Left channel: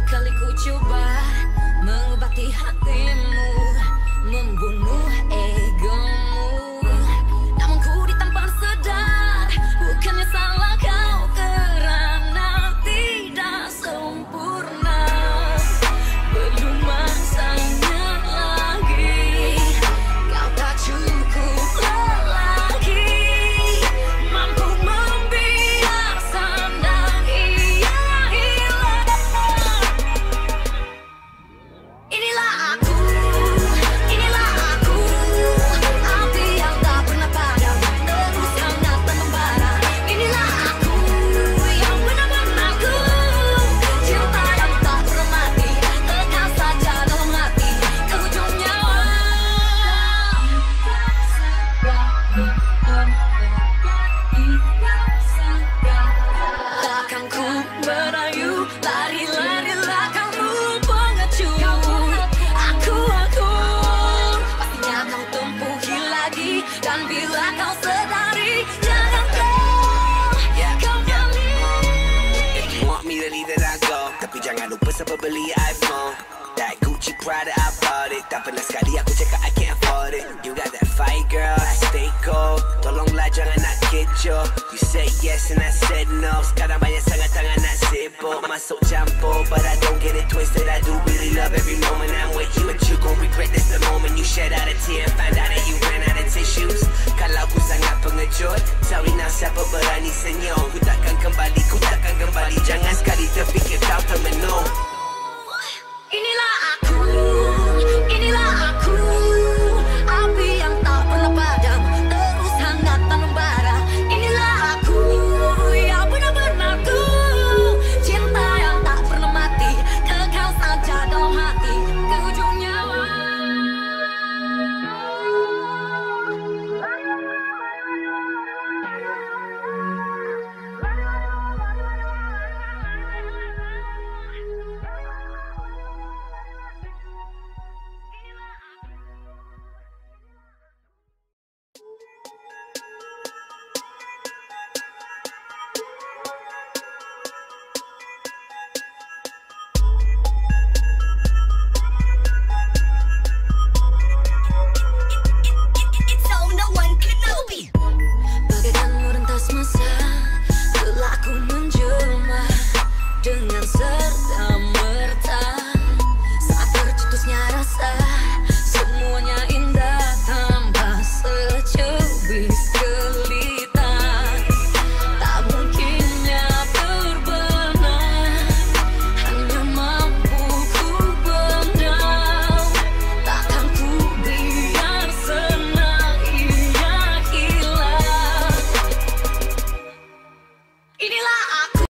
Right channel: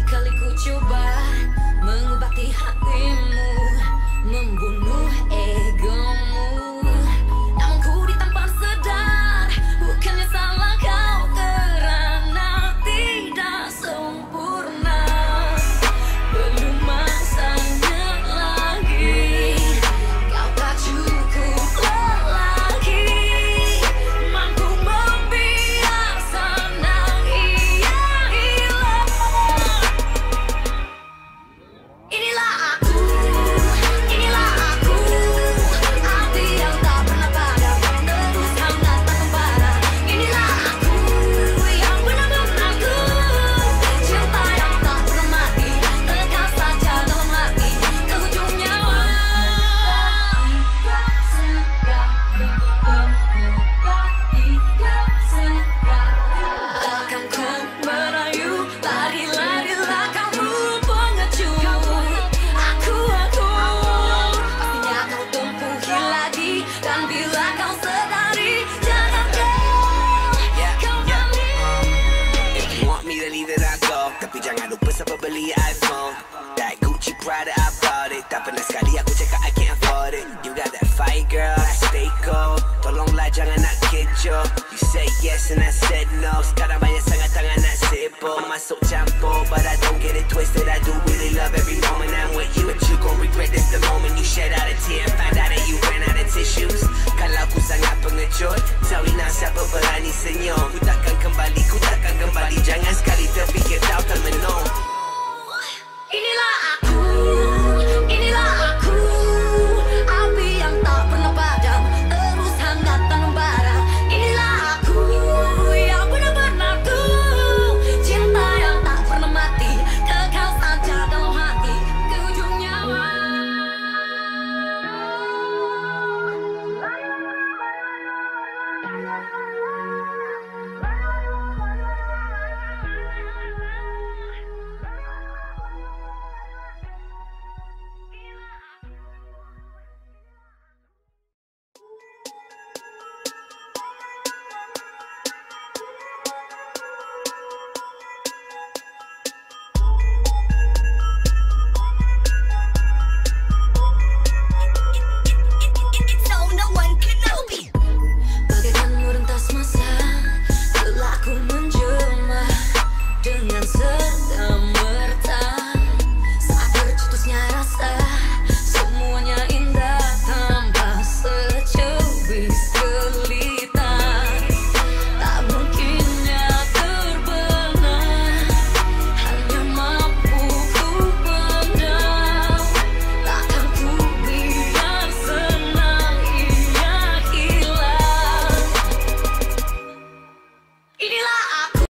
Berkali-kali ku coba mengobati hatimu, membunuh egomu, namun ku ditampar sadar bukannya salah kau kerana tidak sempurna. Belum masanya lagi, kau tak cukup lelaki mampu membiar senang ia hilang. Inilah aku, api yang tak pernah padam, terus hangat dan membara. Inilah aku yang benar-benar ku, cinta yang tak pernah mati, kekal saja dalam hati ke ujung nyawa. Takkan ku merayu, lari-larilah kamu pengecut. Aku pastinya kau tempuhi lagi, dan bila kau sadari jangan kau kembali. If you want me to leave it, I go. Tapi jangan lupa sampai beli iPhone. That Gucci Prada, I bought it. Tak pernah sekali aku cakap I can't afford it. You got that fight, girl, I stay cold. Tolonglah jangan nak kecoh. You said yes and I said no. Sekarang banyak sangat tangan nak sibuk, masuk campur, but I don't get it twisted. I do really love every moment I'm with you, but you gon' regret this the moment you shed out a tear and find out that you ran out of tissues. Kalau ku sangat pengecut, tell me now siapa berani senyum. Ku takkan kembali, jangan sekali terfikir kau termenung.